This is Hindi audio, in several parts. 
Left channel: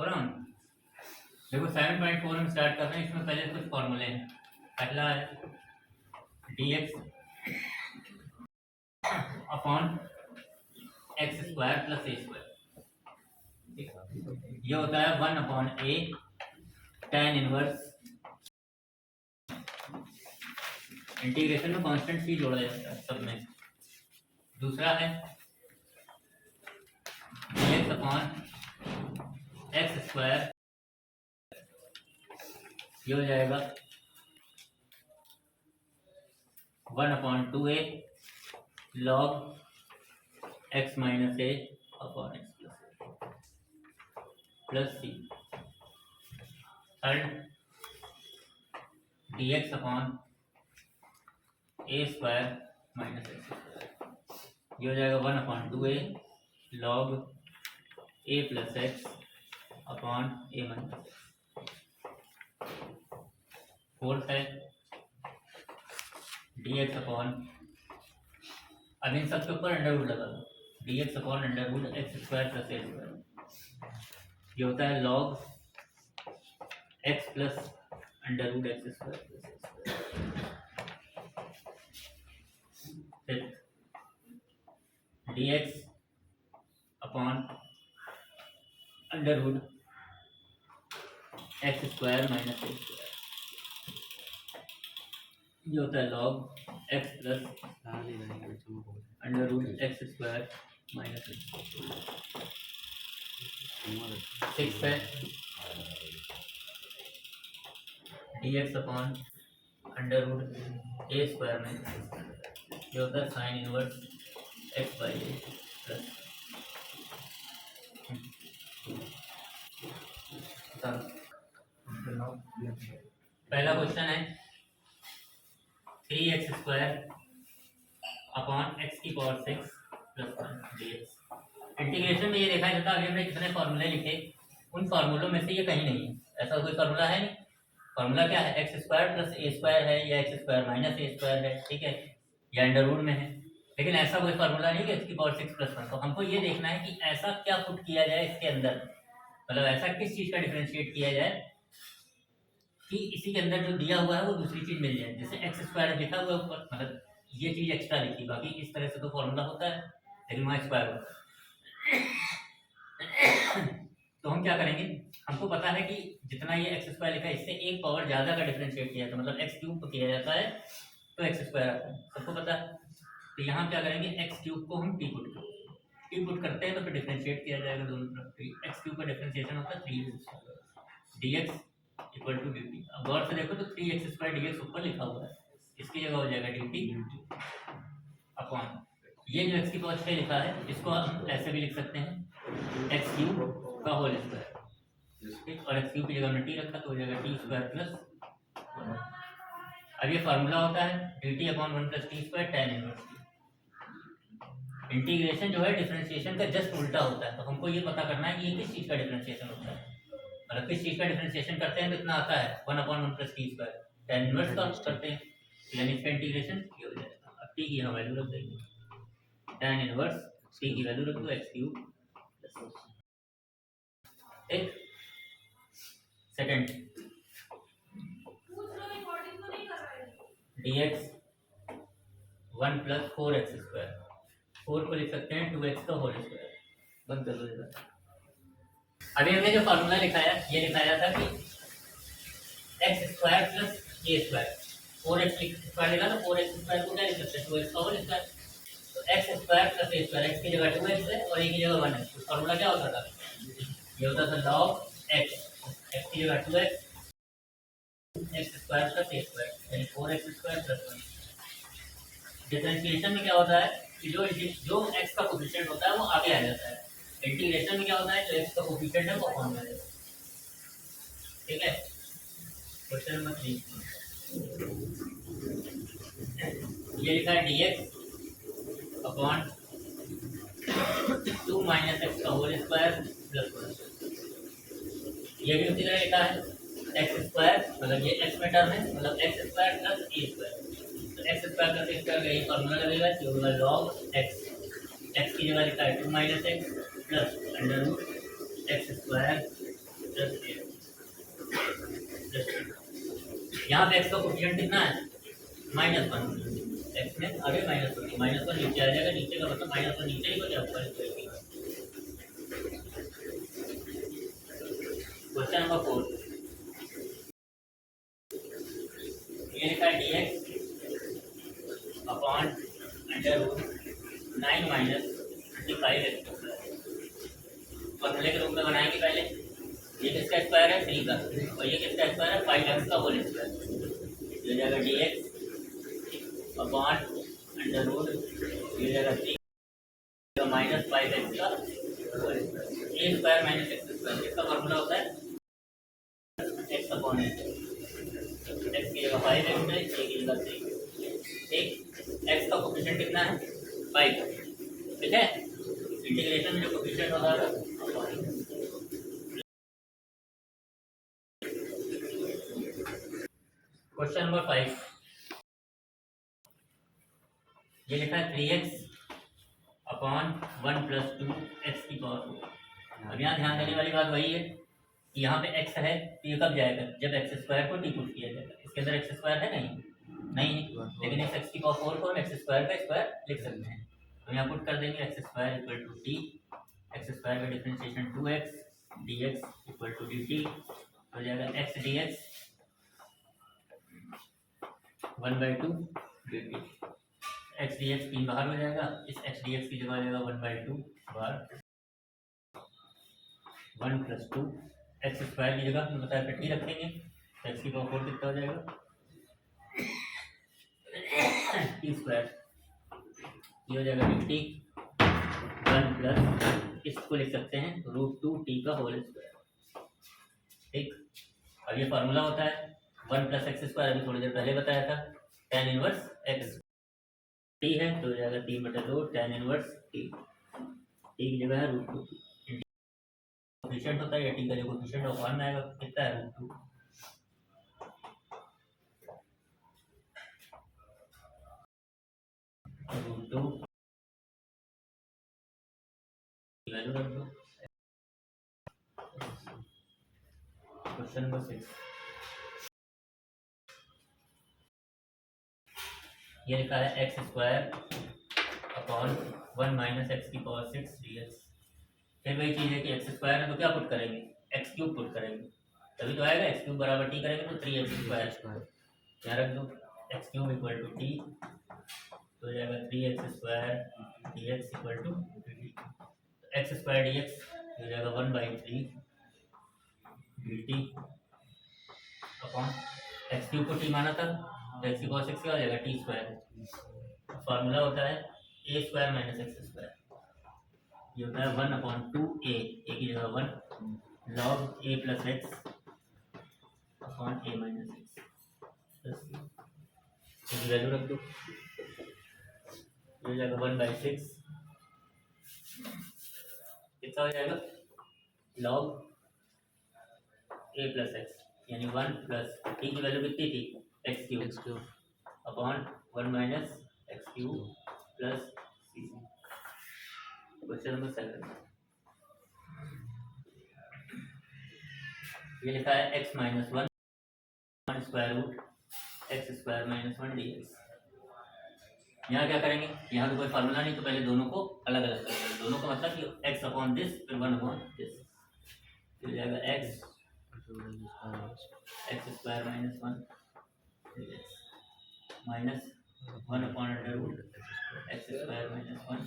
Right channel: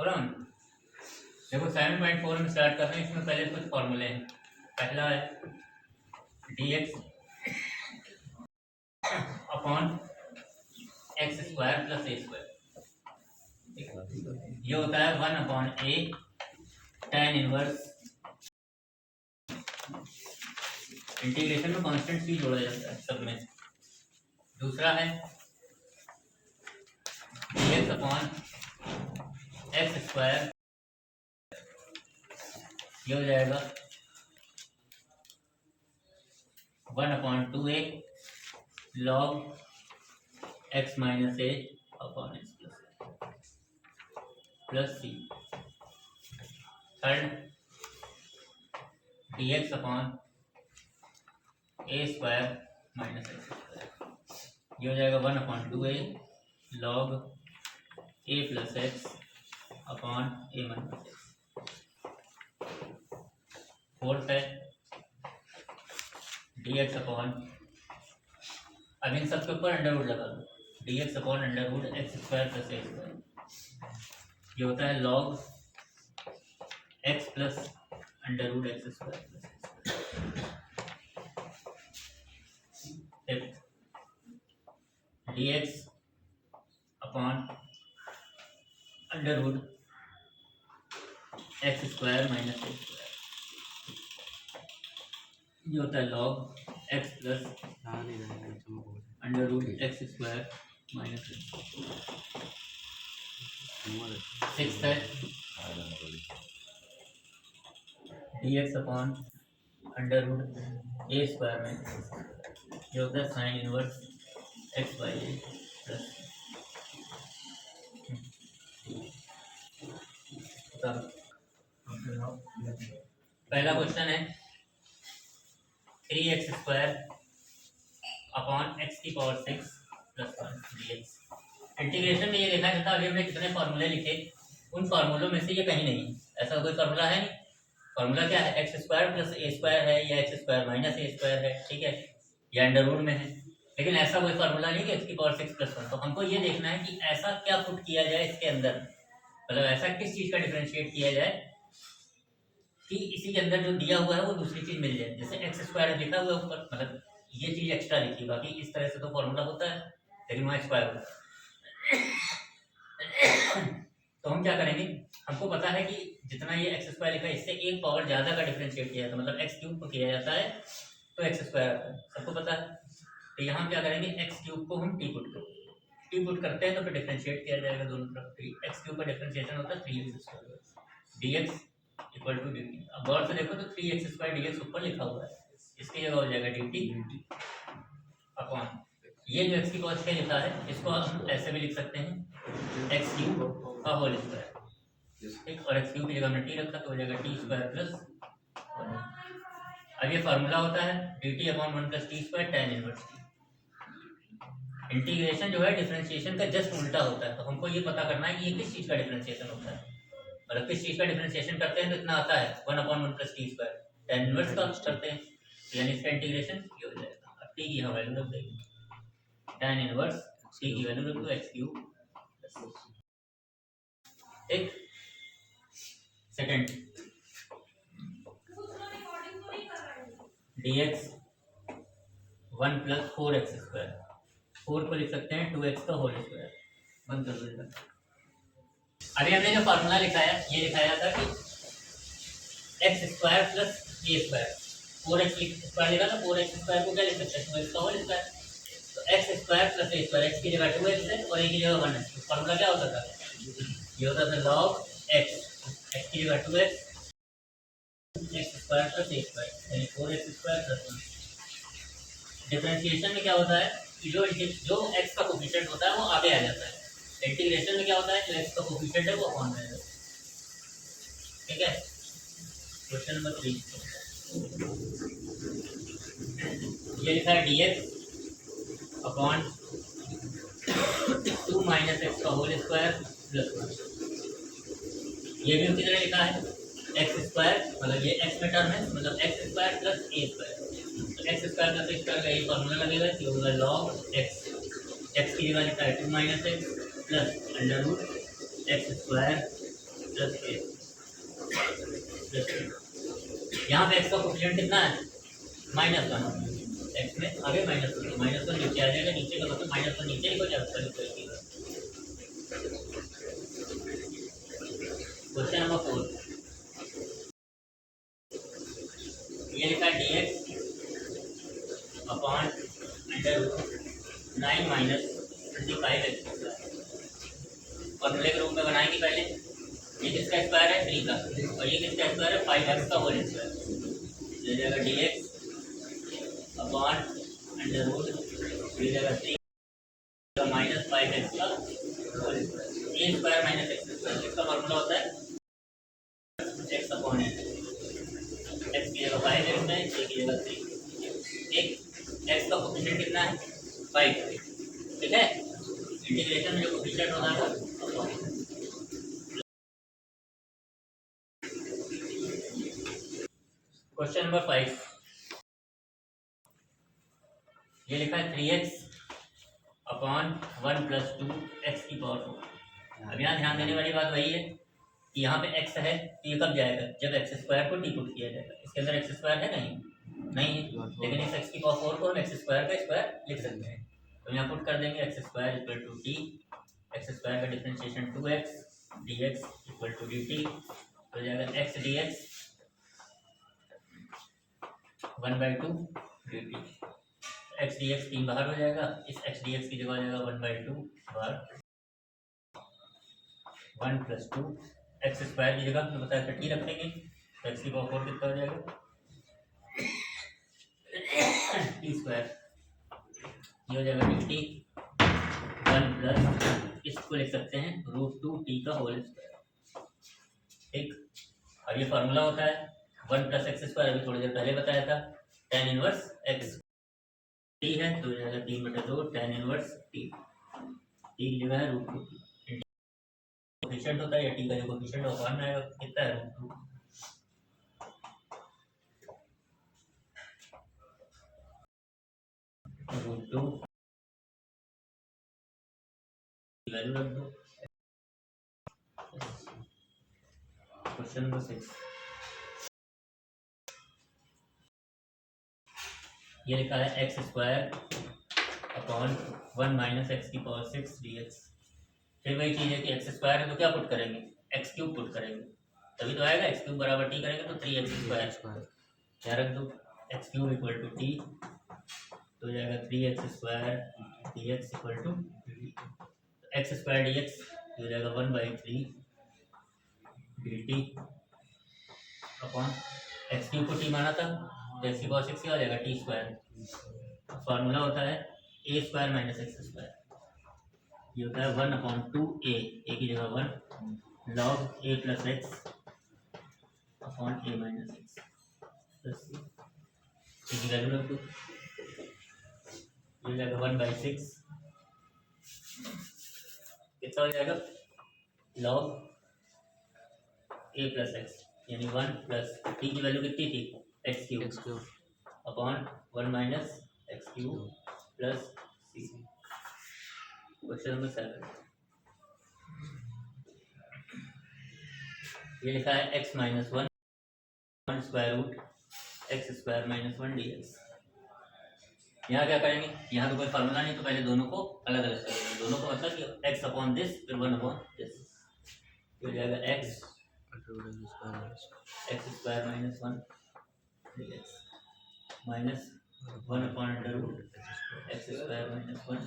थोड़ा देखो 7.4 में स्टार्ट कर रहे हैं। इसमें पहले कुछ फॉर्मूले हैं। पहला है dx upon X square plus A square. ये होता है 1/a tan इनवर्स। इंटीग्रेशन में कांस्टेंट सी जोड़ा जाता है सब में। दूसरा है dx अपॉन एक्स स्क्वायर। ये हो जाएगा 1/2a log x minus a upon X plus C. Third dx upon a square minus x square. ये हो जाएगा 1/2a log a plus X upon a minus X. Fourth है dx अपॉन, अब इन सबके ऊपर अंडर रूट लगा दो। dx upon under root x square plus A square. ये होता है log x plus under root x square plus A square. dx upon under root x square minus A square. ये होता है log x plus under root x square minus x. Six है dx upon under root a square minus. ये होता है sine inverse x by a plus. पहला क्वेश्चन है 3x स्क्वायर अपॉन x की पावर 6 प्लस 1 dx। इंटीग्रेशन में ये देखा जाता है अभी हमने कितने फार्मूले लिखे, उन फार्मूलों में से ये कहीं नहीं है। ऐसा कोई फार्मूला है नहीं। फार्मूला क्या है? X square plus A square है या एक्स स्क्वायर माइनस ए स्क्वायर है, ठीक है, या अंडर रूट में है। लेकिन ऐसा कोई फार्मूला नहीं कि x की पावर 6 प्लस 1। तो हमको ये देखना है कि ऐसा क्या पुट किया जाए इसके अंदर, मतलब ऐसा किस चीज़ का डिफरेंशिएट किया जाए कि इसी के अंदर जो दिया हुआ है वो दूसरी चीज़ मिल जाए। जैसे एक्स स्क्वायर लिखा हुआ है ऊपर, मतलब ये चीज़ एक्स्ट्रा लिखी, बाकी इस तरह से तो फॉर्मूला होता है लेकिन वहाँ स्क्वायर होता है। तो हम क्या करेंगे, हमको पता है कि जितना ये एक्स स्क्वायर लिखा है इससे एक पावर ज़्यादा का डिफरेंशिएट किया जाता है, मतलब एक्स क्यूब किया जाता है तो एक्स स्क्वायर आता है, सबको पता है। तो यहाँ क्या करेंगे, एक्स क्यूब को हम टी पुट करते हैं तो फिर डिफरेंशिएट किया जाएगा दोनों तरफ। एक्स क्यूब का डिफरेंशिएशन होता है 3x square dx equal to dt। अब गौर से देखो तो 3x स्क्वायर dx ऊपर लिखा हुआ है, इसकी जगह हो जाएगा dt अपॉन ये जो x की पावर 6 लिखा है इसको हम ऐसे भी लिख सकते हैं एक्स क्यूब का होल स्क्वायर, ठीक। और एक्स क्यूब की जगह हमने टी रखा तो हो जाएगा टी स्क्वायर प्लस 1। अब ये फार्मूला होता है dt upon 1 plus T square tan inverse. Integration जो है डिफरेंशिएशन का जस्ट उल्टा होता है। तो हमको ये पता करना है कि ये किस चीज़ का डिफरेंशिएशन होता है, मतलब किस चीज़ का डिफरेंशिएशन करते हैं तो इतना आता है 1/1 plus T square tan inverse का करते हैं, यानी इसका इंटीग्रेशन ये हो जाएगा। अब टी की हम वैल्यू रख देंगे, tan इनवर्स टी की वैल्यू रख दो एक्स क्यूब। एक second dx 1 plus 4x square, 4 को लिख सकते हैं 2x का होल स्क्वायर। बंद कर दो। अभी हमने जो फार्मूला लिखा है ये लिखाया था कि x square plus A square, 4x square लिखा तो 4x स्क्वायर को क्या लिख सकते हैं 2x का होल स्क्वायर। तो X square plus A square, x की जगह 2x है और ए की जगह 1 है। तो फार्मूला क्या होता था, ये होता था log x, एक्स की जगह 2x x square plus A square यानी 4x स्क्वायर प्लस 1। डिफरेंशिएशन में क्या होता है कि जो x का कोफिशिएंट होता है वो आगे आ जाता है। इंटीग्रेशन में क्या होता है जो x का कोफिशिएंट है वो अपॉन में आ जाता है, ठीक है। क्वेश्चन नंबर 3 ये लिखा है dx अपॉन 2 माइनस एक्स का होल स्क्वायर प्लस 1। ये भी उसी तरह लिखा है एक्स स्क्वायर, मतलब ये एक्स में टर्म है, मतलब x square plus A square. तो X square plus A square का यही फॉर्मूला लगेगा कि होगा log एक्स, एक्स की जगह लिखा है 2 minus X plus under root x square plus A plus T. यहाँ पे एक्स का कोफिशिएंट कितना है -1, एक्स में आगे -1 नीचे आ जाएगा, नीचे का मतलब -1 नीचे ही हो जाएगा। क्वेश्चन नंबर 4 ये लिखा है dx अपॉन √9 - 25x फॉर्मूले के रूप में बनाएंगे पहले। ये किसका स्क्वायर है 3 का, और ये किसका स्क्वायर है 5x का होल स्क्वायर। ये जाएगा dx अपॉन √, ये जाएगा 3 -5x का होल स्क्वायर। ए स्क्वायर माइनस एक्स स्क्वायर, इसका फॉर्मूला होता है x अपॉन ए। x की जगह 5x है, a की जगह 3। एक x का कोफिशिएंट कितना है 5, ठीक है। इंटीग्रेशन में जो कोफिशिएंट होता है वो अपॉन। क्वेश्चन नंबर 5 ये लिखा है 3x अपॉन 1 + 2x की पावर 4। अब यहाँ ध्यान देने वाली बात वही है कि यहाँ पे x है तो ये कब जाएगा जब x स्क्वायर को डी पुट किया जाएगा। इसके अंदर x स्क्वायर है नहीं है, लेकिन इस x की पावर 4 को हम x स्क्वायर का स्क्वायर लिख सकते हैं। तो यहाँ पुट कर देंगे x square = t, x square का डिफरेंशिएशन 2x dx = dt हो जाएगा x dx 1/2 dt। x dx 3 बाहर हो जाएगा, इस x dx की जगह हो जाएगा 1/2 बार 1 + 2 x स्क्वायर की जगह हमने बताया था t रखेंगे तो x की पावर 4 कितना हो जाएगा t स्क्वायर। ये हो जाएगा dt 1 + इसको लिख सकते हैं √2t का होल स्क्वायर, ठीक। अब ये फार्मूला होता है 1 + x स्क्वायर, अभी थोड़ी देर पहले बताया था tan इनवर्स x t है तो हो जाएगा 3/2 tan इनवर्स t की जगह है √2t। कोफिशिएंट होता है या t का जो कोफिशिएंट है वो में आएगा, कितना है √2 वैल्यू रख दो। क्वेश्चन नंबर 6 ये लिखा है x² अपॉन 1 - x की पावर 6 dx। फिर वही चीज़ है कि x स्क्वायर है तो क्या पुट करेंगे x³ पुट करेंगे, तभी तो आएगा x³ बराबर t करेंगे तो 3x²। क्या रख दो x³ = t तो हो जाएगा 3x² dx = x² dx हो जाएगा 1/3 dt अपॉन x³ को t माना था तो x की पावर 6 क्या हो जाएगा t²। फार्मूला होता है a² - x², ये होता है 1/2a, a की जगह 1 log a + x upon a - x plus इसकी वैल्यू रख दो। ये जाएगा 1/6 कितना हो जाएगा log a + x यानी 1 + t की वैल्यू कितनी थी x³ upon 1 - x³ plus c। Question number 7 ये लिखा है x - 1 √x² - 1 dx। यहाँ क्या करेंगे, यहाँ तो कोई फार्मूला नहीं तो पहले दोनों को अलग अलग करेंगे। दोनों को मतलब कि x अपॉन दिस फिर 1/this हो जाएगा x² - 1 dx माइनस 1/√x² - 1।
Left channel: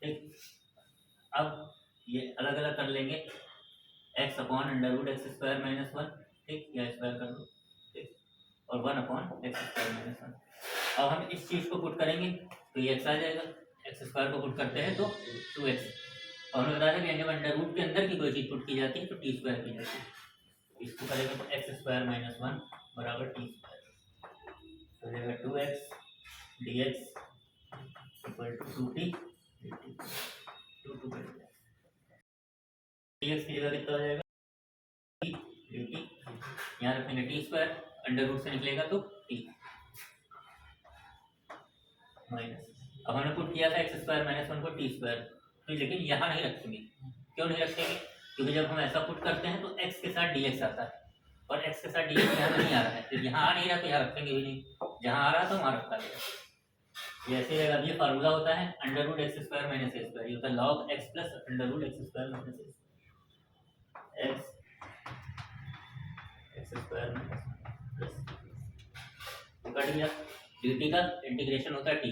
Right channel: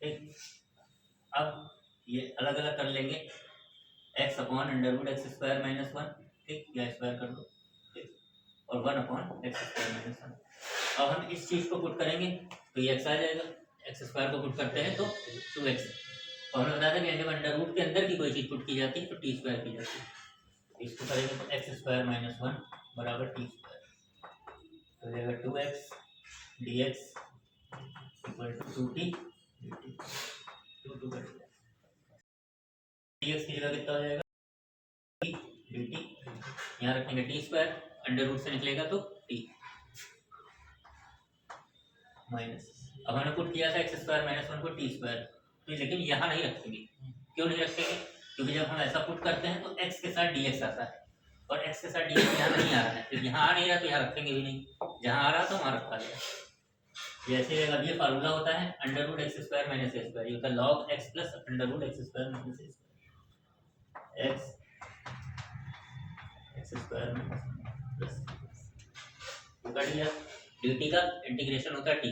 ठीक, अब ये अलग अलग कर लेंगे x अपॉन √x² - 1, ठीक, या स्क्वायर कर दो, ठीक, और 1/x² - 1। अब हम इस चीज को पुट करेंगे तो ये x आ जाएगा, x² को पुट करते हैं तो 2x। और हमने बताया था कि जब अंडर रूट के अंदर की कोई चीज पुट की जाती है तो t² की जाती है। इसको करेंगे तो x² - 1 बराबर t² तो हो जाएगा 2x dx = 2t dt 2 कर दिया। dx की जगह कितना हो जाएगा dt, यहाँ रखेंगे t², अंडर रूट से निकलेगा तो t माइनस। अब हमने पुट किया था x² - 1 को t², तो लेकिन यहाँ नहीं रखेंगे क्यों नहीं रखेंगे? क्योंकि जब हम ऐसा पुट करते हैं तो x के साथ dx आता है और x के साथ dx यहाँ नहीं आ रहा है, फिर यहाँ आ नहीं रहा तो यहाँ रखेंगे भी नहीं, जहाँ आ रहा तो वहाँ रखा गया। जैसे रहेगा, ये फार्मूला होता है under root x square minus ए स्क्वायर, ये होता है log X plus under root x square minus ए square, x square minus plus cut गया। dt का इंटीग्रेशन होता है t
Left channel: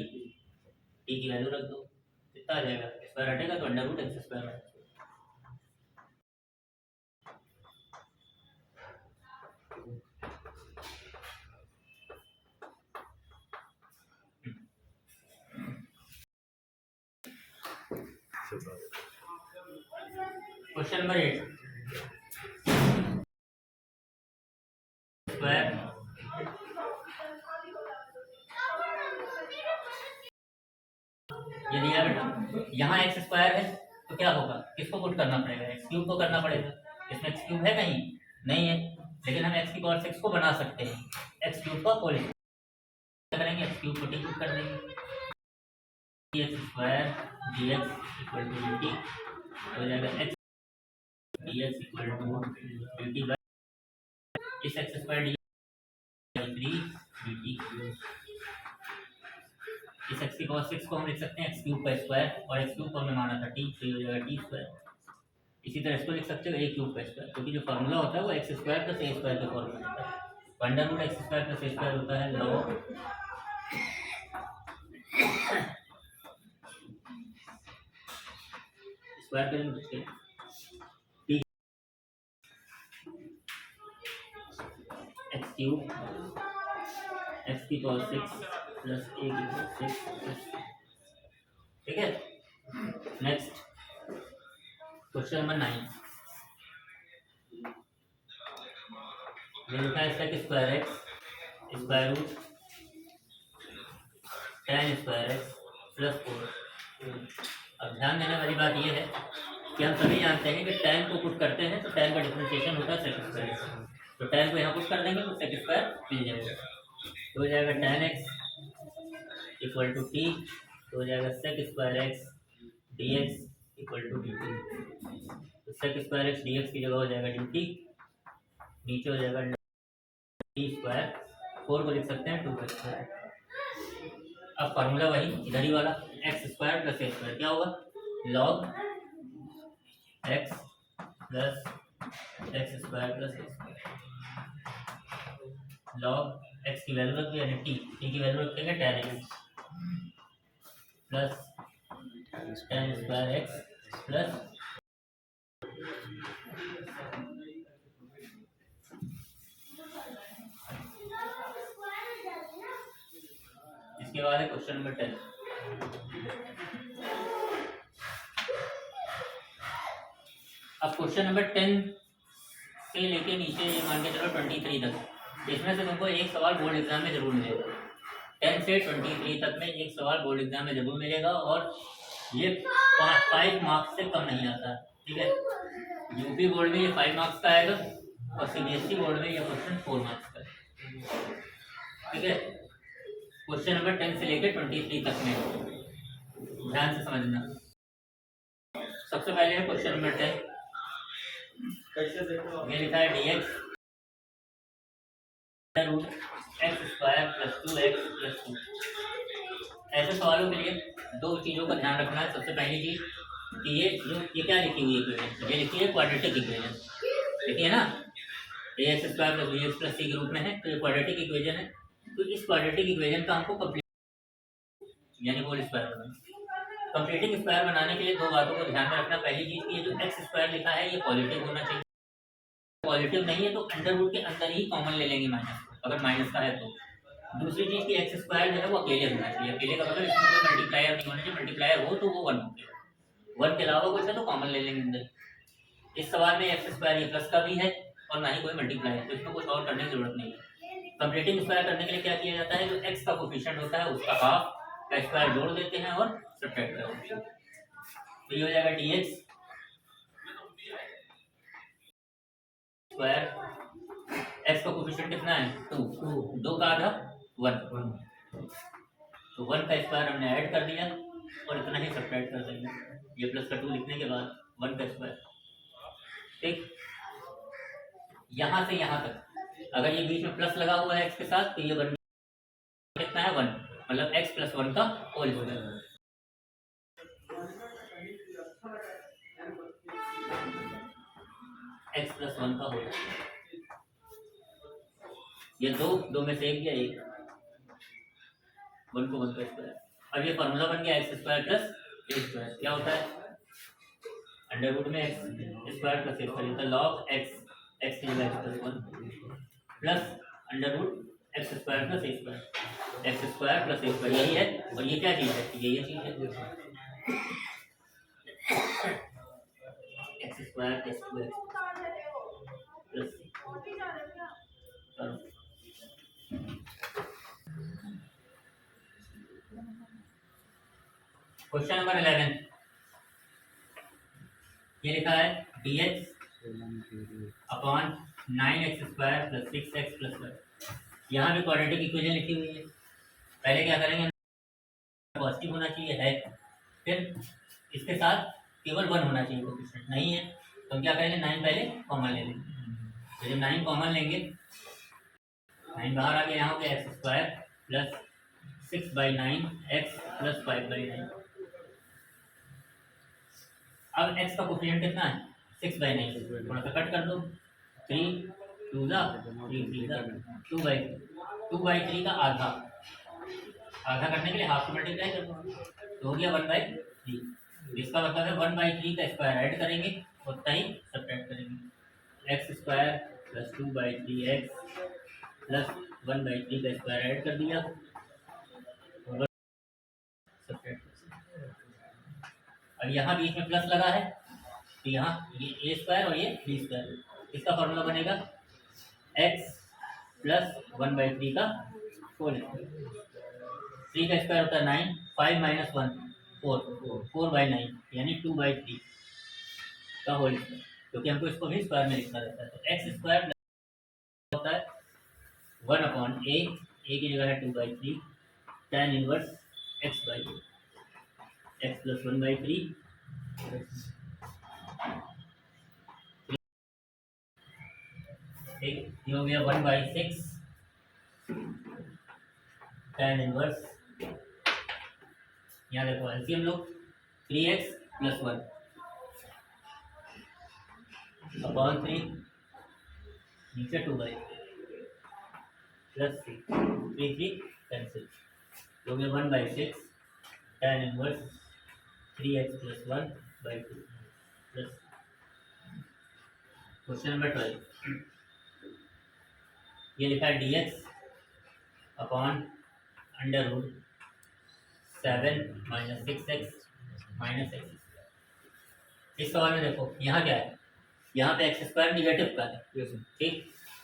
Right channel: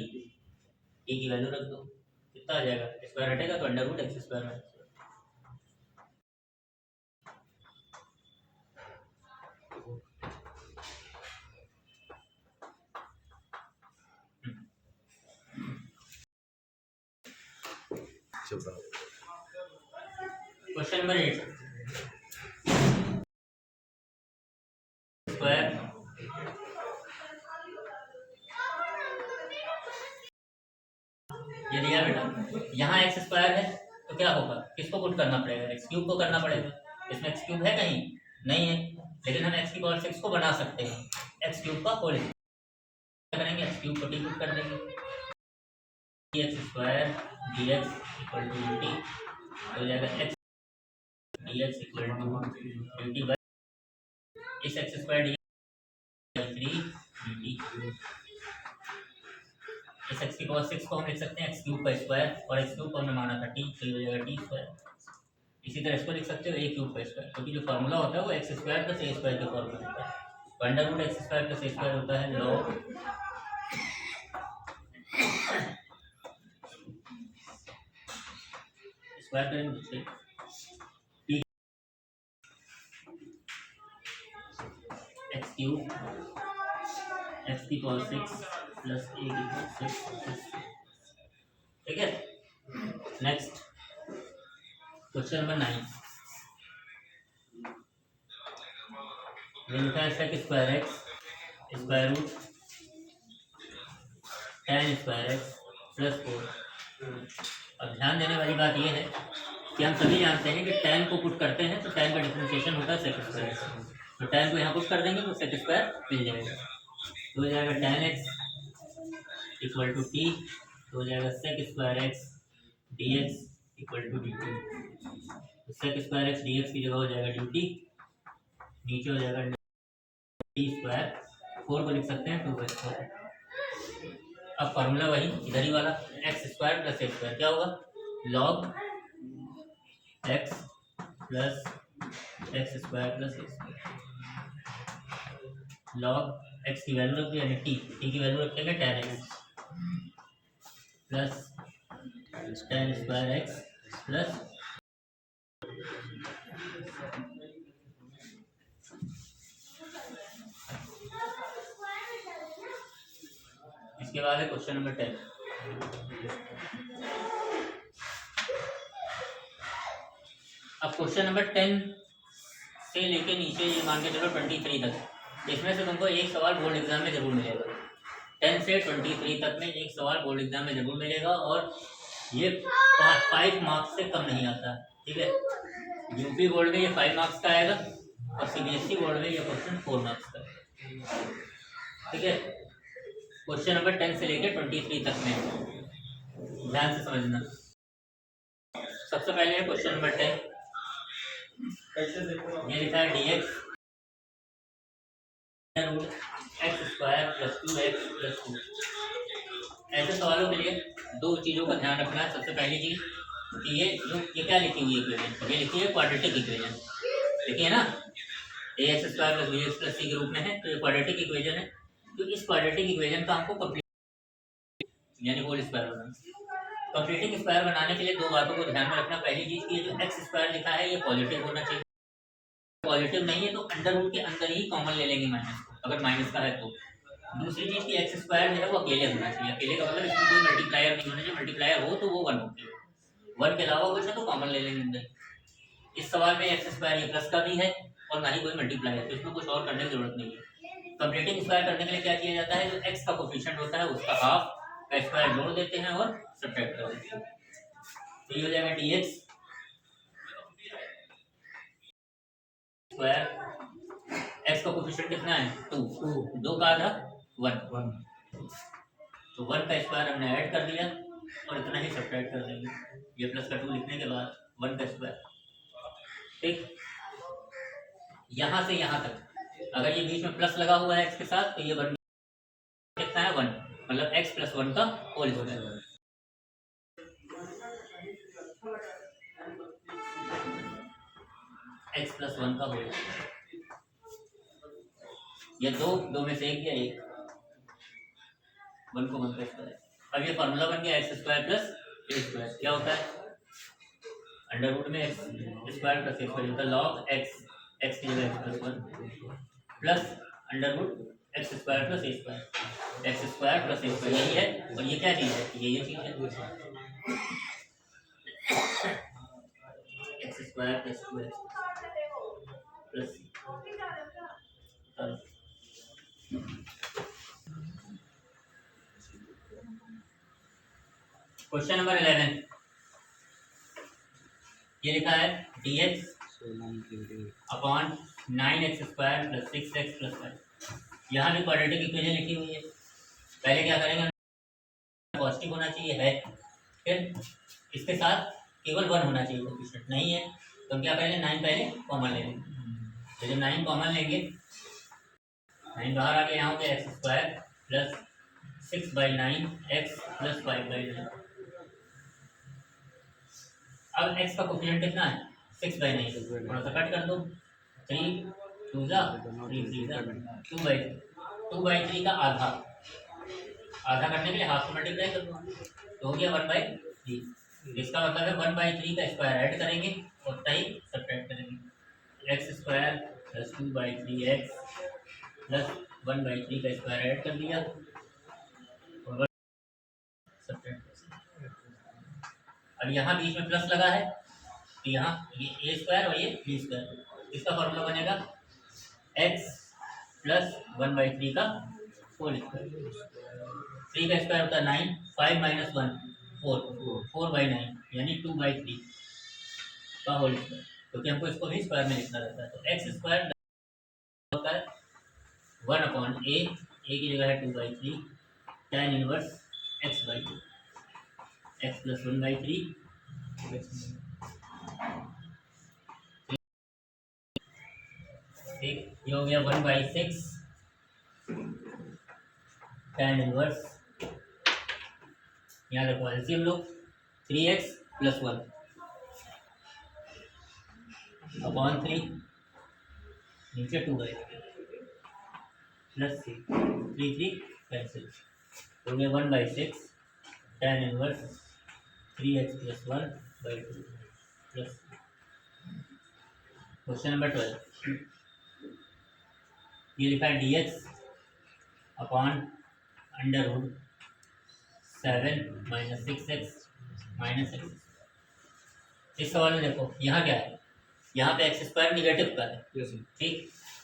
की वैल्यू रख दो, कितना आ जाएगा, स्क्वायर हटेगा तो under root x square minus question number 8 square ये दिया बेटा, यहाँ एक्स स्क्वायर है तो क्या होगा, किसको पुट करना पड़ेगा, एक्स क्यूब को करना पड़ेगा। इसमें एक्स क्यूब है कहीं नहीं है, लेकिन हम एक्स की पावर 6 को बना सकते हैं, एक्स क्यूब का होल क्या करेंगे, एक्स क्यूब को टी पुट कर देंगे, X square D X equal to U T हो जाएगा, X D X equal to U T by इस X square D three D T, इस x की पावर 6 को हम लिख सकते हैं एक्स क्यूब का स्क्वायर, और एक्स क्यूब को हमने माना था टी, तो ये हो जाएगा टी स्क्वायर। इसी तरह इसको लिख सकते हो ए क्यूब का स्क्वायर, क्योंकि जो फार्मूला होता है वो X square plus A square के फॉर्मूला होता है, तो under root x square plus A square होता है लॉग स्क्वायर करेंगे तो एक्स क्यूब एक्स की पावर 6 प्लस ए की पावर 6, ठीक है। नेक्स्ट क्वेश्चन नंबर 9, ये लिखा है sec square x square root tan square x plus 4। अब ध्यान देने वाली बात यह है कि हम सभी जानते हैं कि tan को पुट करते हैं तो tan का डिफरेंशिएशन होता है सेक स्क्वायर एक्स, तो tan को यहाँ पुट कर देंगे तो सेक स्क्वायर मिल जाएगा, तो हो जाएगा tan X equal to T, तो हो जाएगा sec square X D X equal to D T, तो sec square X D X की जगह हो जाएगा डी टी, नीचे हो जाएगा टी स्क्वायर, 4 को लिख सकते हैं 2 स्क्वायर। अब फार्मूला वही इधर ही वाला, X square plus A square क्या होगा, log X plus X square plus A square, log X की वैल्यू रख दी यानी टी की वैल्यू रखेंगे tan X plus tan square x plus इसके बाद है क्वेश्चन नंबर 10। अब क्वेश्चन नंबर 10 से लेके नीचे ये मान के चलो 23 तक, इसमें से तुमको एक सवाल बोर्ड एग्जाम में जरूर मिलेगा, 10 से 23 तक में एक सवाल बोर्ड एग्जाम में जरूर मिलेगा, और ये 5 मार्क्स से कम नहीं आता, ठीक है। यूपी बोर्ड में ये 5 मार्क्स का आएगा और सीबीएसई बोर्ड में ये क्वेश्चन 4 मार्क्स का है, ठीक है। क्वेश्चन नंबर 10 से लेकर 23 तक में ध्यान से समझना। सबसे पहले है क्वेश्चन नंबर 10, ये लिखा है dx root x square plus 2x plus 2। ऐसे सवालों के लिए दो चीज़ों का ध्यान रखना है। सबसे पहली चीज़ कि ये क्या लिखी हुई है इक्वेशन, ये लिखी है क्वाड्रेटिक इक्वेशन, देखिए ना, A X square plus B X plus C के रूप में है, तो ये क्वाड्रेटिक इक्वेशन है। तो इस क्वाड्रेटिक इक्वेशन का हमको कंप्लीट यानी होल स्क्वायर बनाना। कंप्लीटिंग स्क्वायर बनाने के लिए दो बातों को ध्यान में रखना। पहली चीज़ की जो एक्स स्क्वायर लिखा है ये पॉजिटिव होना चाहिए, पॉजिटिव नहीं है तो अंडर रूट के अंदर ही कॉमन ले लेंगे माइनस को, अगर माइनस का है तो। दूसरी चीज़ की एक्स स्क्वायर जो है वो अकेले होना चाहिए, अकेले का मतलब इसमें कोई मल्टीप्लायर नहीं होना चाहिए, मल्टीप्लायर हो तो वो 1 हो गया, 1 के अलावा कुछ है तो कॉमन ले लेंगे अंदर। इस सवाल में एक्स स्क्वायर ये प्लस का भी है और ना ही कोई मल्टीप्लायर, तो इसमें कुछ और करने की जरूरत नहीं है। कंप्लीटिंग स्क्वायर करने के लिए क्या किया जाता है, जो एक्स का कोफिशिएंट होता है उसका हाफ का स्क्वायर जोड़ देते हैं और सब्ट्रैक्ट कर देते हैं, तो ये हो जाएगा dx स्क्वायर, एक्स का कोफिशिएंट कितना है 2, 2 का आधा 1, तो 1 का स्क्वायर हमने ऐड कर दिया और इतना ही सब्ट्रैक्ट कर देंगे, ये प्लस का 2 लिखने के बाद 1 का स्क्वायर। ठीक, यहाँ से यहाँ तक अगर ये बीच में प्लस लगा हुआ है x के साथ तो ये बन कितना है 1, मतलब x प्लस 1 का होल स्क्वायर। x प्लस 1 का होल, ये दो में से एक या एक, 1 को 1 का स्क्वायर। अब ये फॉर्मूला बन गया X square plus A square. क्या होता है अंडर रूट में X square plus A square होता है लॉग एक्स की जगह X plus 1 plus under root x square plus A square. X square plus A square यही है, और ये क्या चीज़ है, ये चीज़ है X square plus 2x plus question number 11, ये लिखा है dx upon 9x square plus 6x plus 5। यहाँ भी क्वाड्रेटिक इक्वेशन लिखी हुई है। पहले क्या करेंगे, पॉजिटिव होना चाहिए है, फिर इसके साथ केवल 1 होना चाहिए, कोएफिशिएंट नहीं है तो हम क्या करेंगे 9 पहले कॉमन ले लेंगे। तो जब 9 कॉमन लेंगे, 9 बाहर आ गया, यहाँ हो गया X square plus 6/9 x plus 5/9। अब x का कोएफिशिएंट कितना है 6/9, थोड़ा सा कट कर दो, 3 2 जा 3 3 जा 2/3 का आधा करने के लिए हाफ से मल्टीप्लाई कर दो तो हो गया 1/3। इसका मतलब है 1/3 का स्क्वायर ऐड करेंगे और उतना ही सब्ट्रैक्ट करेंगे। X square plus 2/3x plus 1/3 का स्क्वायर ऐड कर दिया और सब्ट्रैक्ट। अब यहाँ बीच में प्लस लगा है तो यहाँ ये ए स्क्वायर और ये बी स्क्वायर, इसका फॉर्मूला बनेगा x प्लस 1/3 का होल स्क्वायर। 3 का स्क्वायर होता है 9, 5 माइनस 1 4/9 यानी 2/3 का होल स्क्वायर, क्योंकि हमको इसको भी स्क्वायर में लिखना रहता है। तो एक्स स्क्वायर होता है 1/a, ए की जगह है 2/3 tan inverse x/2 x plus 1/3 ठीक, ये हो गया 1/6 tan इनवर्स, यहाँ देखो एलसीएम लो 3x प्लस 1 अपॉन 3 नीचे 2/3 प्लस 3 कैंसिल, तो गया 1/6 tan inverse 3x plus 1/2 plus. Question number 12, ये लिखा है dx upon under root 7 minus 6x minus x। इस सवाल में देखो यहाँ क्या है, यहाँ पे एक्स स्क्वायर निगेटिव का है, ठीक।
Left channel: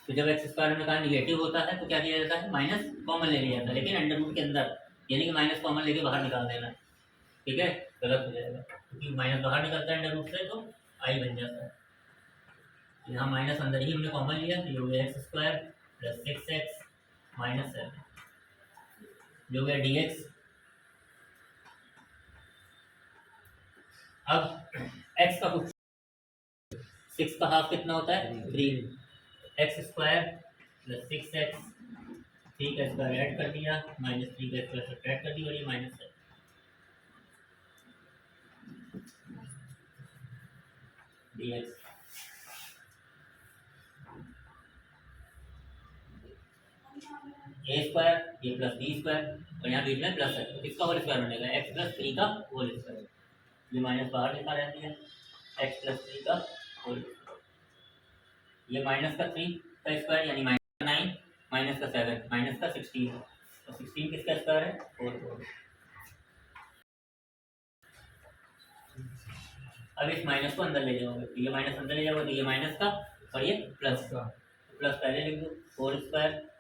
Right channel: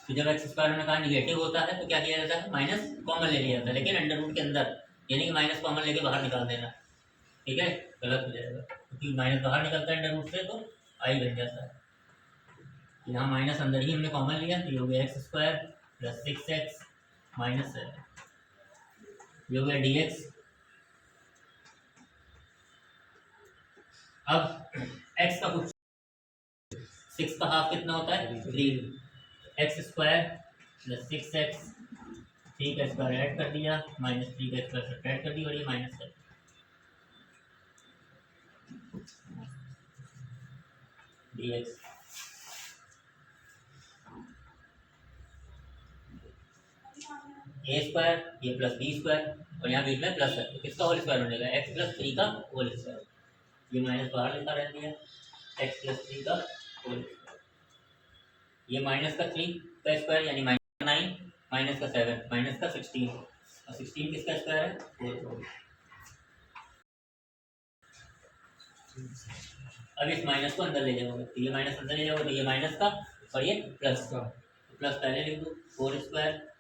तो जब एक्स स्क्वायर में कहा निगेटिव होता है तो क्या किया जाता है माइनस कॉमन ले लिया जाता है, लेकिन अंडर रूट के अंदर, यानी कि माइनस कॉमन लेके बाहर निकाल देना, ठीक है, गलत हो जाएगा क्योंकि माइनस बाहर निकलता है अंडर रूट से तो आई बन जाता है। यहाँ माइनस अंदर ही हमने कॉमन लिया तो ये हो गया X square plus 6x minus 7, ये हो गया dx। अब x का कुछ 6 का हाफ कितना होता है 3, एक्स स्क्वायर प्लस 6x 3 का स्क्वायर ऐड कर दिया माइनस 3 का स्क्वायर सब्ट्रैक्ट कर दिया और ये माइनस 7 dx। ए स्क्वायर ये प्लस बी स्क्वायर और यहाँ बीच में प्लस है तो किसका होल स्क्वायर बनेगा x प्लस 3 का होल स्क्वायर, ये माइनस बाहर लिखा रहती है x प्लस 3 का होल स्क्वायर, ये माइनस का 3 का स्क्वायर यानी माइनस 9 माइनस का 7 माइनस का 16 और 16 किसका स्क्वायर है 4। अब इस माइनस को अंदर ले जाओगे तो ये माइनस अंदर ले जाओगे तो ये माइनस का और ये प्लस का, तो प्लस पहले लिख दो 4 स्क्वायर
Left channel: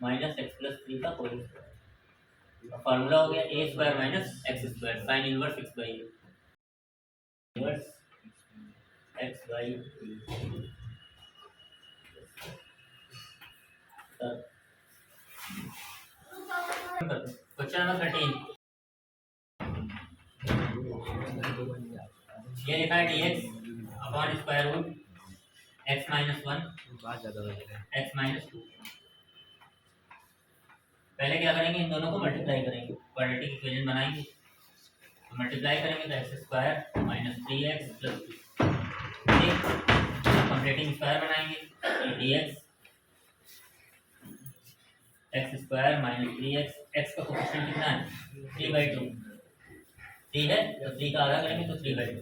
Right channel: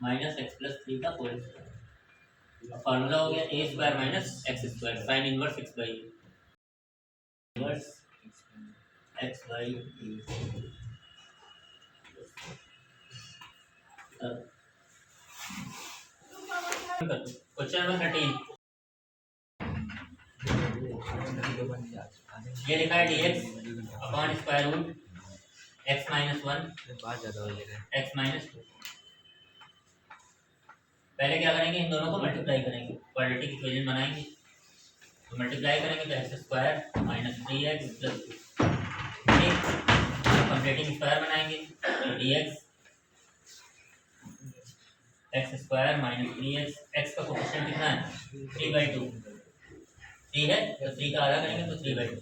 माइनस एक्स प्लस 3 का होल स्क्वायर। फॉर्मूला हो गया A square minus x square sine inverse x by inverse x by question number 13, ये लिखा है dx upon square root x minus 1 बात ज़्यादा हो जाएगा। x minus 2। पहले क्या करेंगे, इन दोनों को मल्टीप्लाई करेंगे, क्वाड्रेटिक इक्वेशन बनाएंगे। तो मल्टीप्लाई करेंगे तो X square minus 3x plus 2, ठीक। कंप्लीटिंग स्क्वायर बनाएंगे तो dx x square minus 3x, x का कोफिशिएंट कितना है 3/2, 3 है तो 3 का आधा करेंगे तो 3/2,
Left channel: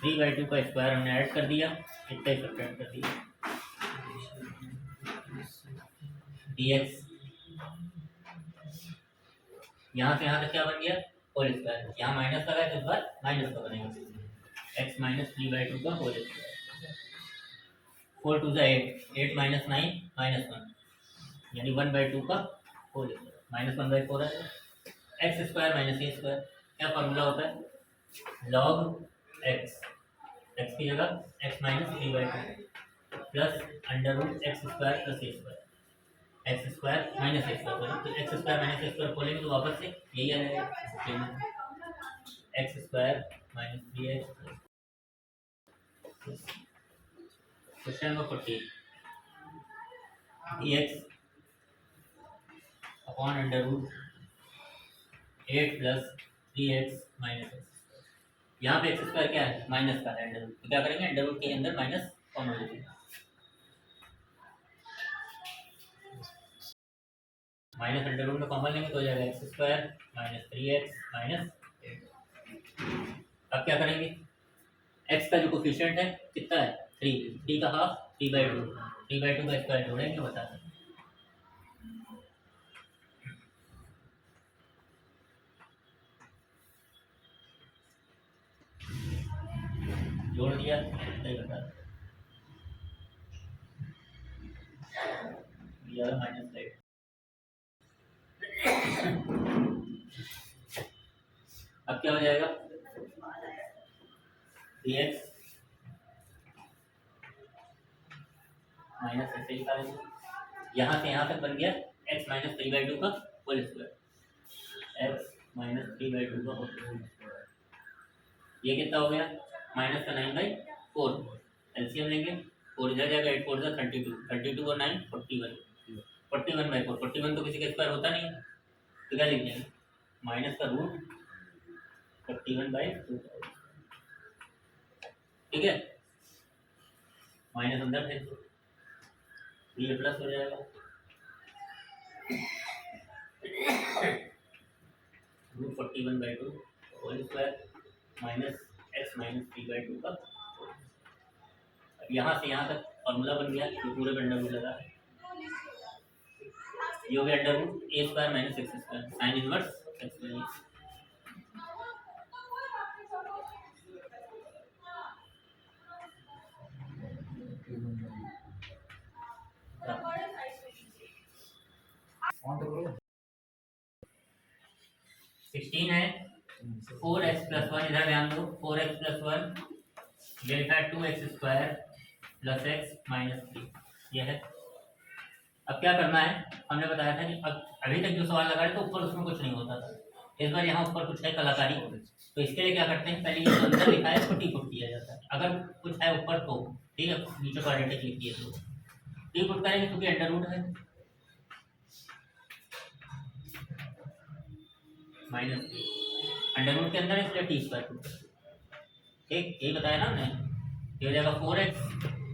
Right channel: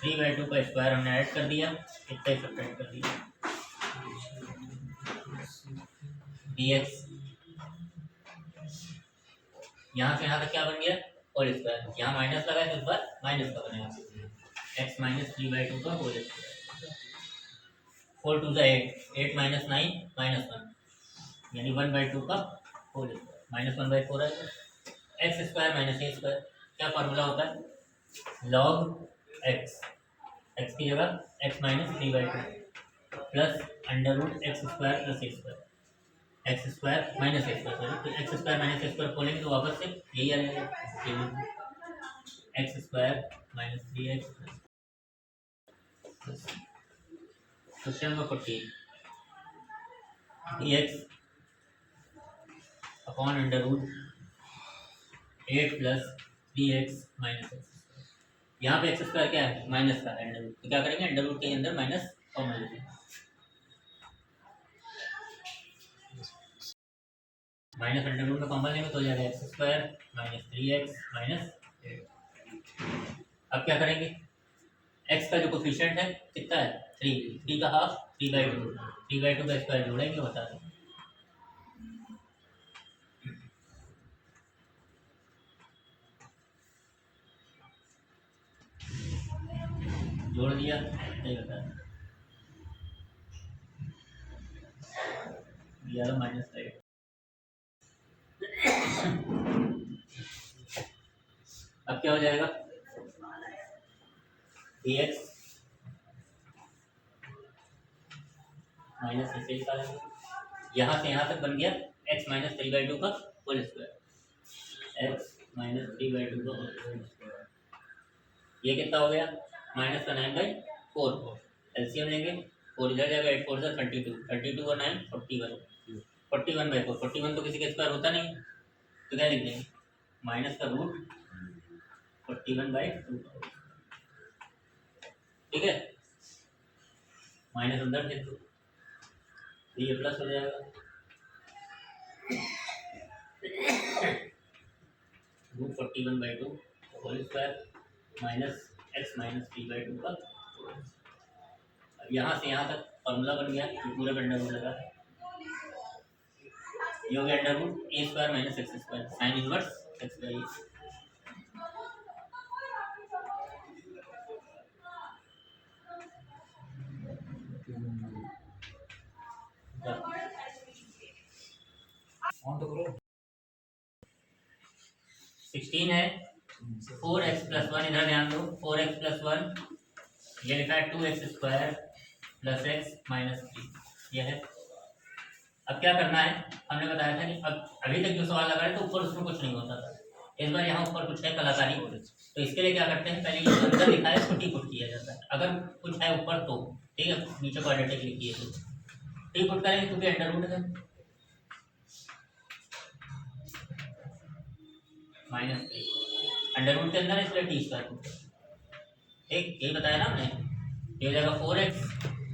3/2 का स्क्वायर हमने ऐड कर दिया, इतना ही सब्ट्रैक्ट कर दिया। dx यहाँ से यहाँ तक क्या बन गया होल स्क्वायर, यहाँ माइनस लगा है तो इस बार माइनस का बनेगा x माइनस 3/2 का होल स्क्वायर। 4 2 8, 8 माइनस 9 माइनस 1 यानी 1/2 का होल स्क्वायर, माइनस 1/4 है। एक्स स्क्वायर माइनस ए स्क्वायर, क्या फॉर्मूला होता है लॉग एक्स, एक्स की जगह X minus 3/2 plus under root x square plus A square, x square minus A square, तो एक्स स्क्वायर माइनस ए स्क्वायर खोलेंगे तो वापस से यही आ जाएगा, X square minus 3x plus. Question number 14, dx upon under root 8 plus 3x minus X. यहाँ पे एक्स स्क्वायर क्या है माइनस का है अंडर रूट, तो क्या करेंगे अंडर रूट के अंदर माइनस कॉमन लेंगे, माइनस अंडर रूट में कॉमन लेंगे तो हो जाएगा X square minus 3x minus 8। अब क्या करेंगे, x का जो कोफिशिएंट है कितना है 3, 3 का हाफ 3/2, 3/2 का स्क्वायर जोड़ेंगे बता दें। जोड़ दिया नहीं बता दें, माइनस 8। अब क्या हो जाएगा dx माइनस ऐसे लिखा देंगे, यहाँ से यहाँ तक बन गया x माइनस 3/2 का होल स्क्वायर, x माइनस 3/2 का होल स्क्वायर। ये कितना हो गया माइनस का 9/4, एलसीएम लेंगे 4 इधर जाएगा 8 4 32, 32 और 9 41, 41/4, 41 तो किसी का स्क्वायर होता नहीं है तो क्या लिख देंगे माइनस का रूट 41/2, ठीक है। माइनस अंदर देख दो ये प्लस हो जाएगा, root 41/2 whole square minus x minus 3/2 का। अब यहाँ से यहाँ तक फॉर्मूला बन गया, जो पूरे पे अंडर रूट लगा है, ये हो गया under root a square minus x square sine inverse x by a. ऑन तो करो 16 है 4x प्लस 1, इधर ध्यान दो 4x प्लस 1, ये लिखा है 2x square plus x minus 3, ये है। अब क्या करना है, हमने बताया था कि अब अभी तक जो सवाल लगा रहे थे ऊपर उसमें कुछ नहीं होता था, इस बार यहाँ ऊपर कुछ है कलाकारी, तो इसके लिए क्या करते हैं पहले ये अंदर लिखा है तो टी पुट किया जाता है, अगर कुछ है ऊपर तो ठीक है, नीचे क्वाड्रेटिक लिखिए तो टी पुट करेंगे क्योंकि अंडर रूट है माइनस 3, अंडर रूट के अंदर है इसलिए टी स्क्वायर पुट करते, ठीक यही बताया ना हमने। ये हो जाएगा 4x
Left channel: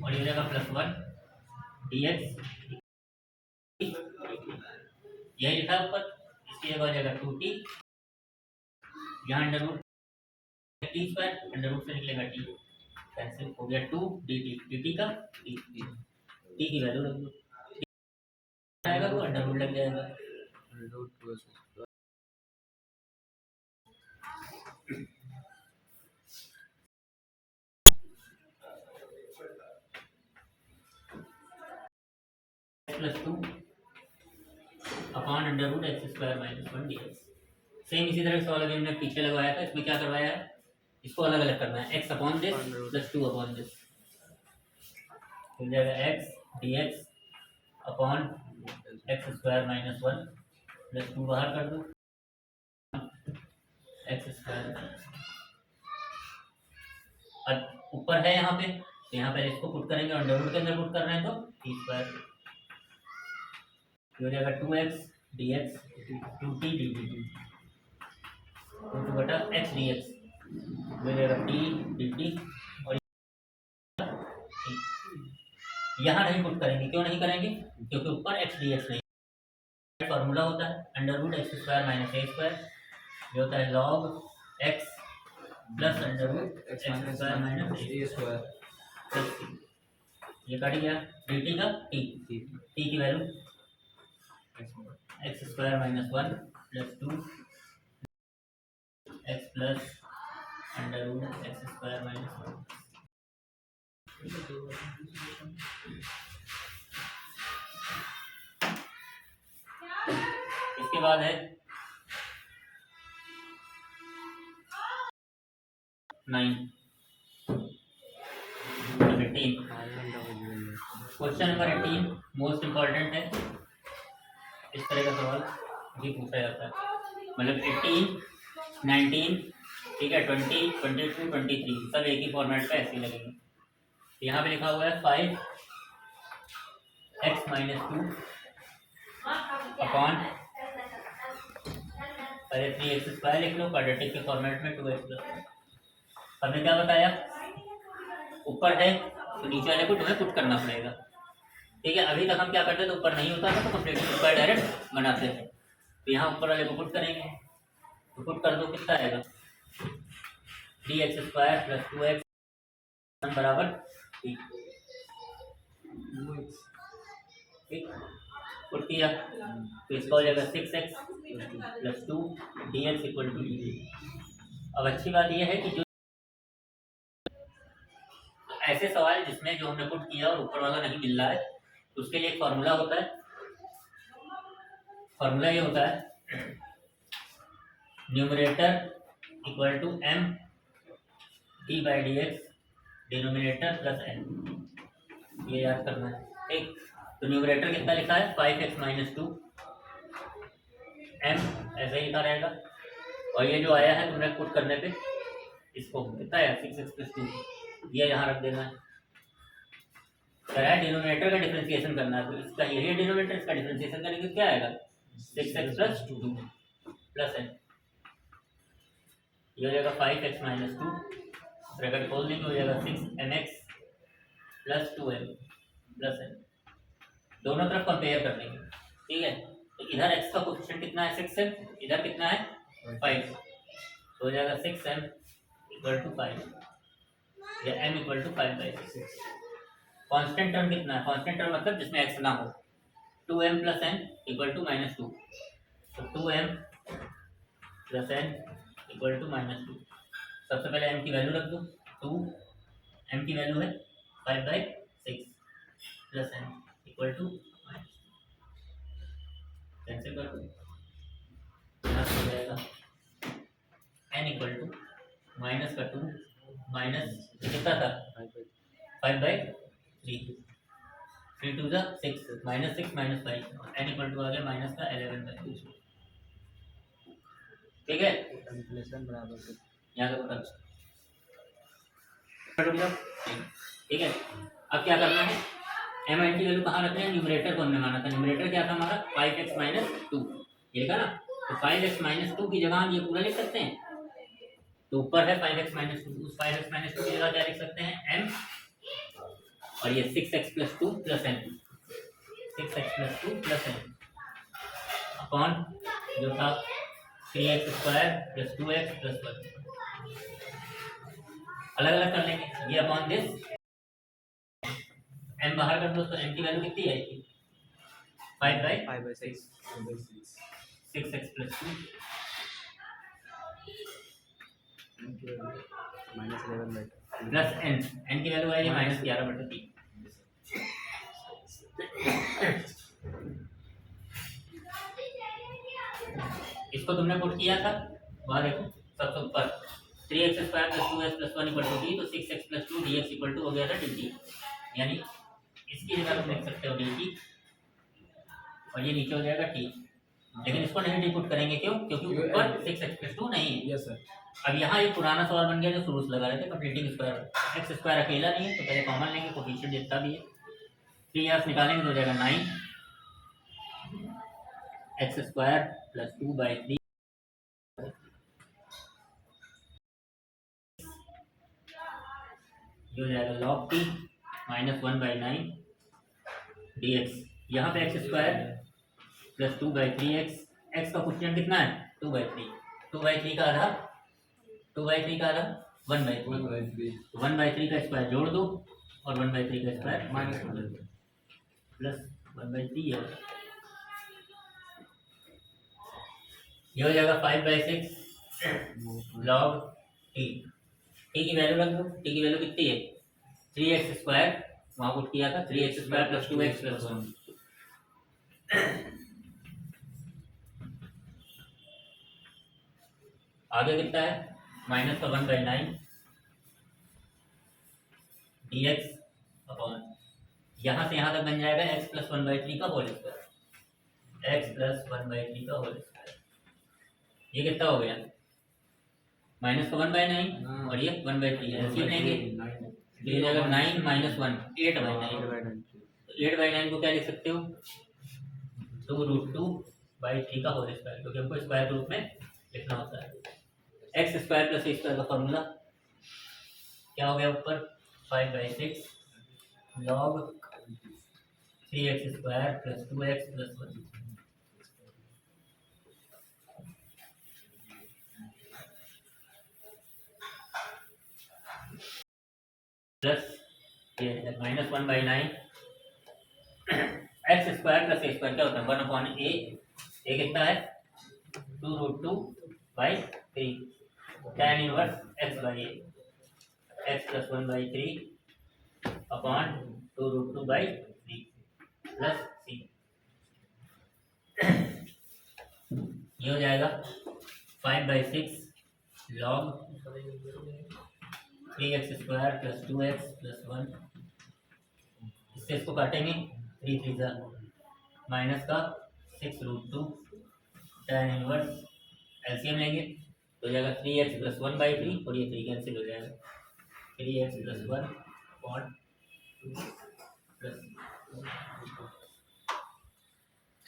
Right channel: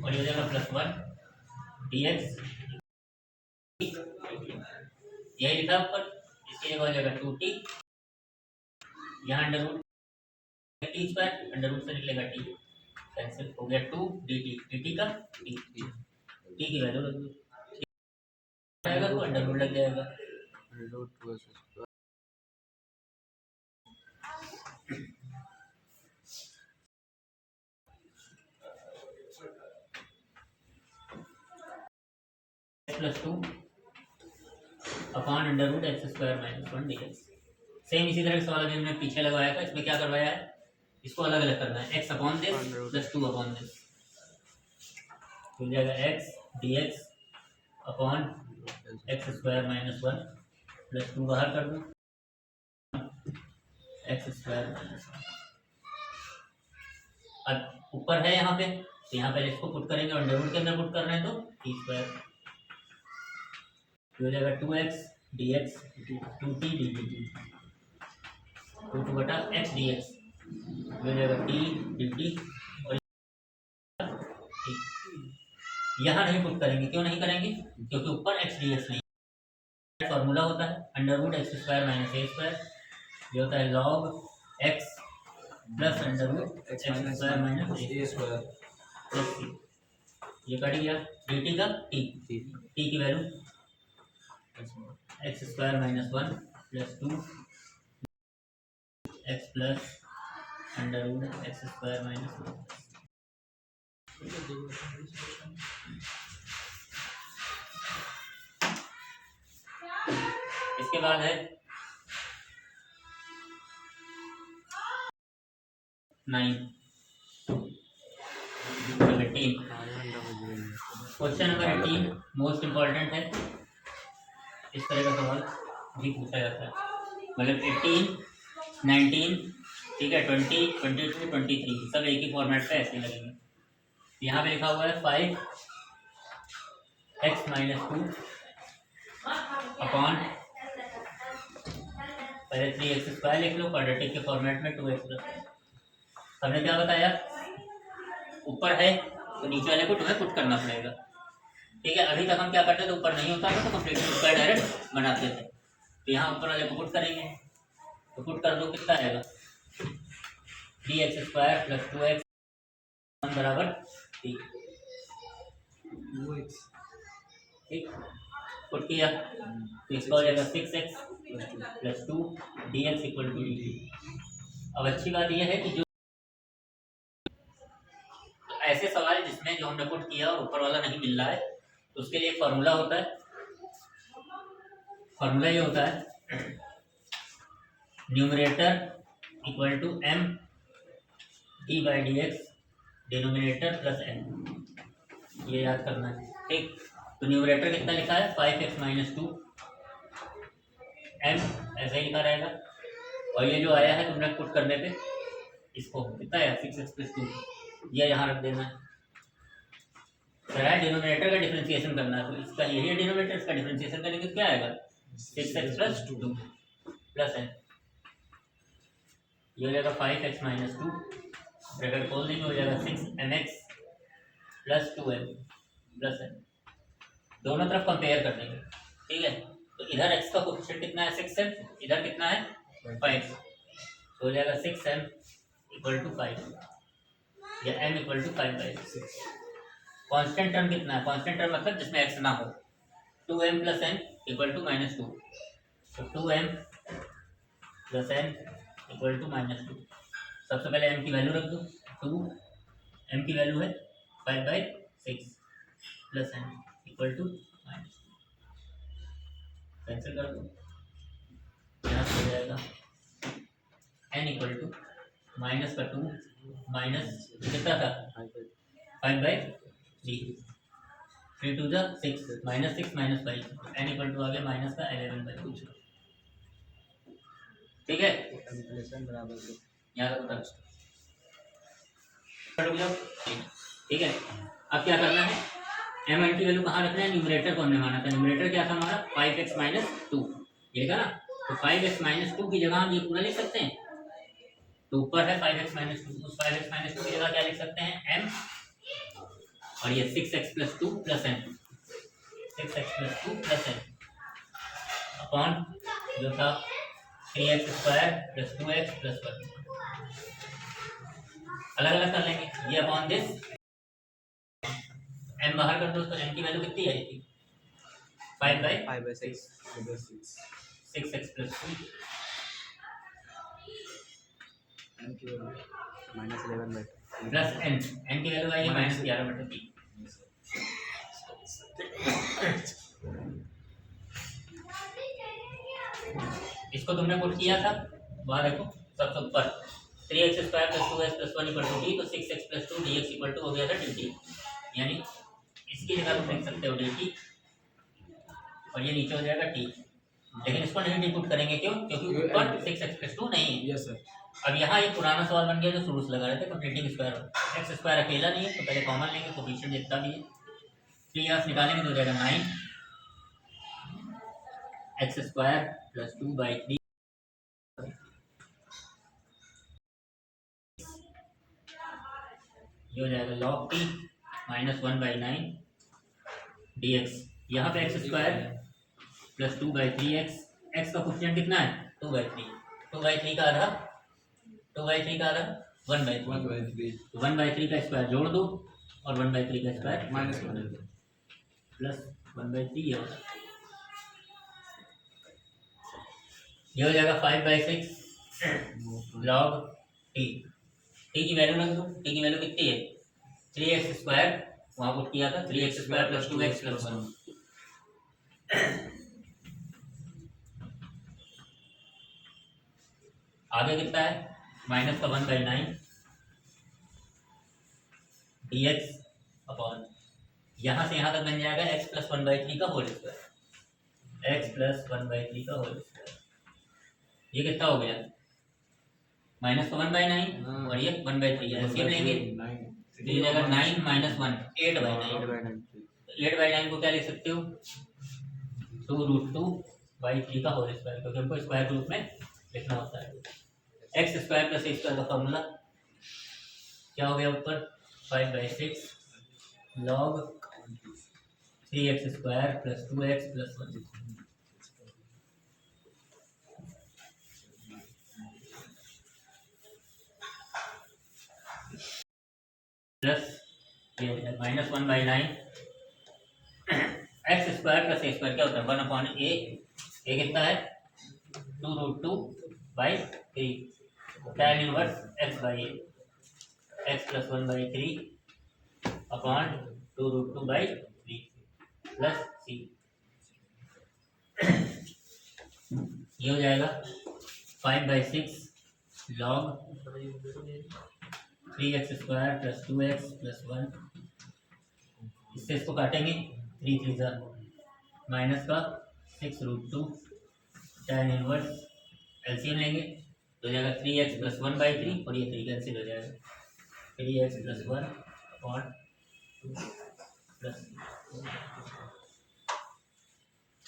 और ये हो जाएगा प्लस 1 dx, यही लिखा है ऊपर, इसकी जगह हो जाएगा 2t, यहाँ under root t square under root से निकलेगा टी, कैंसिल हो गया 2 dt, dt का t, t की वैल्यू लग जाएगा तो अंडर रूट लग जाएगा, plus 2 upon under root x square minus 1 dx। Same इसी तरह का सवाल अभी हमने पीछे लगवाया था, इसमें क्या करवाया है इसको अलग अलग करना है, x upon this plus 2 upon this, हो जाएगा x dx upon X square minus 1 plus 2 बाहर कर दूँ एक्स स्क्वायर माइनस 1, अब ऊपर है यहाँ पे, तो यहाँ पहले इसको पुट करेंगे, अंडर रूट के अंदर पुट कर रहे हैं तो टी स्क्वायर हो जाएगा 2x dx 2t dt 2 बटा x dx हो जाएगा t dt। और यहाँ नहीं पुट करेंगे, क्यों नहीं करेंगे? क्योंकि ऊपर x dx नहीं। फॉर्मूला होता है under root x square minus ए स्क्वायर, ये होता है log x plus under root x square minus ए स्क्वायर प्लस सी। ये कट गया dt का t की value X square minus 1 plus 2 X plus under root x square minus 1। इसके बाद है 9 क्वेश्चन नंबर 18 मोस्ट इम्पॉर्टेंट है। इस तरह का सवाल भी पूछा जाता है, मतलब 18 19 ठीक है 20 22 23 सब एक ही फॉर्मेट पे ऐसे लगेंगे। यहाँ पे लिखा हुआ है 5x माइनस 2 अपॉन पहले 3x स्क्वायर लिख लो क्वाड्रेटिक के फॉर्मेट में 2x प्लस। हमने क्या बताया, ऊपर है तो नीचे वाले को तुम्हें पुट करना पड़ेगा, ठीक है। अभी तक हम क्या करते थे, ऊपर नहीं होता था तो कंप्लीटली स्क्वायर डायरेक्ट बनाते थे। तो यहाँ ऊपर वाले को पुट करेंगे, तो पुट कर दो, कितना आएगा 3x स्क्वायर प्लस 2x बराबर ठीक, पुट किया तो इसका हो जाएगा 6x plus 2 dx equal to dt। अब अच्छी बात यह है कि जो ऐसे सवाल जिसमें जो हमने पुट किया और ऊपर वाला नहीं मिल रहा है, तो उसके लिए एक फॉर्मूला होता है। फॉर्मूला ये होता है numerator equal to m d by d x denominator plus n, ये याद करना है, ठीक। तो न्यूमरेटर कितना लिखा है 5x माइनस 2 m ऐसा ही लिखा रहेगा, और ये जो आया है तुमने पुट करने पे इसको कितना है 6x प्लस 2, ये यहाँ रख देना है। डिनोमिनेटर का डिफरेंशिएशन करना है, तो इसका यही है डिनोमिनेटर, इसका डिफरेंशिएशन करेंगे क्या आएगा 6x प्लस 2 प्लस n, ये हो जाएगा 5x माइनस 2 ब्रैकेट खोल देंगे, हो जाएगा 6mx plus 2m plus n। दोनों तरफ कंपेयर कर देंगे, ठीक है। तो इधर x का कोएफिशिएंट कितना है 6m, इधर कितना है 5, तो हो जाएगा 6m इक्वल टू 5 या m equal to 5/6। Constant term कितना है, कांस्टेंट टर्म मतलब जिसमें x ना हो, 2m plus n equal to minus 2, तो 2m plus n equal to minus 2। सबसे पहले m की वैल्यू रख दो, 2m की वैल्यू है 5/6 plus n equal to minus 2, cancel कर दो, यहाँ से हो जाएगा n इक्वल टू माइनस का 2 माइनस कितना था 5/3, 3 two 6 minus 6 minus 5, n equal to आ गया माइनस का 11/2, ठीक है। बराबर यहाँ तक ठीक है। अब क्या करना है, m n की वैल्यू कहाँ रखना है, न्यूमरेटर को हमने माना था, न्यूमरेटर क्या था हमारा 5x माइनस 2, ये था ना, तो 5x माइनस 2 की जगह हम ये पूरा लिख सकते हैं, तो ऊपर है 5x माइनस 2, उस 5x माइनस 2 की जगह क्या लिख सकते हैं m, और ये 6x plus 2 plus n, 6x plus 2 plus n upon जो था 3x square plus 2x plus 1, अलग अलग कर लेंगे, ये अपॉन दिस m बाहर कर दो, तो m की वैल्यू कितनी आएगी 5/6 6x plus 2 minus 11/3 plus n की वैल्यू आएगी माइनस 11/3। इसको तुमने पुट किया था, वहाँ देखो सबसे ऊपर 3x square plus 2x plus 1 equal to d, तो 6x plus 2 dx equal to हो गया था dt, यानी इसकी जगह तुम लिख सकते हो dt और ये नीचे हो जाएगा t, लेकिन इसको नहीं डी पुट करेंगे, क्यों, क्योंकि ऊपर 6x प्लस 2 नहीं है, यस सर, अब यहाँ एक पुराना सवाल बन गया जो शुरू से लगा रहे थे, कंप्लीटिंग स्क्वायर। एक्स स्क्वायर अकेला नहीं है तो पहले कॉमन लेंगे, कोफिशिएंट जितना भी है। 3 यहाँ से निकालेंगे तो हो जाएगा 9 एक्स स्क्वायर प्लस 2/3 ये हो जाएगा log t माइनस 1/9 dx। यहाँ पे एक्स स्क्वायर प्लस 2/3 एक्स का कोफिशिएंट कितना है 2/3, 2/3 का आधा 1/3 1/3 का स्क्वायर जोड़ दो और 1/3 का स्क्वायर माइनस प्लस 1/3 ये हो जाएगा 5/6 log t। टी की वैल्यू रख दो, टी की वैल्यू कितनी है 3x स्क्वायर, वहां पुट किया था 3x square plus 2x plus 1। आगे कितना है माइनस का 1/9 dx अपॉन यहाँ से यहाँ तक बन जाएगा x प्लस 1/3 का होल स्क्वायर, x प्लस 1/3 का होल स्क्वायर। ये कितना हो गया माइनस का 1/9 और ये 1/3 एलसीएम लेंगे तो ये जाएगा 9 माइनस 1 8/9। 8/9 को क्या लिख सकते हो 2√2/3 का होल स्क्वायर, क्योंकि हमको स्क्वायर के रूप में लिखना होता है। X square plus A square का फॉर्मूला क्या हो गया ऊपर 5/6 log 3x square plus 2x plus 1 plus ये minus 1/9 x square plus A square क्या होता है 1/a। ये कितना है 2√2/3 tan inverse x/a x plus 1/3 upon 2√2/3 plus c। ये हो जाएगा 5/6 log 3x square plus 2x plus 1। इससे इसको काटेंगे 3 3 जा माइनस का 6√2 tan इनवर्स एलसीएम लेंगे तो हो जाएगा 3x प्लस 1/3 और ये 3 कैंसिल हो जाएगा 3x प्लस 1 अपॉन 2 प्लस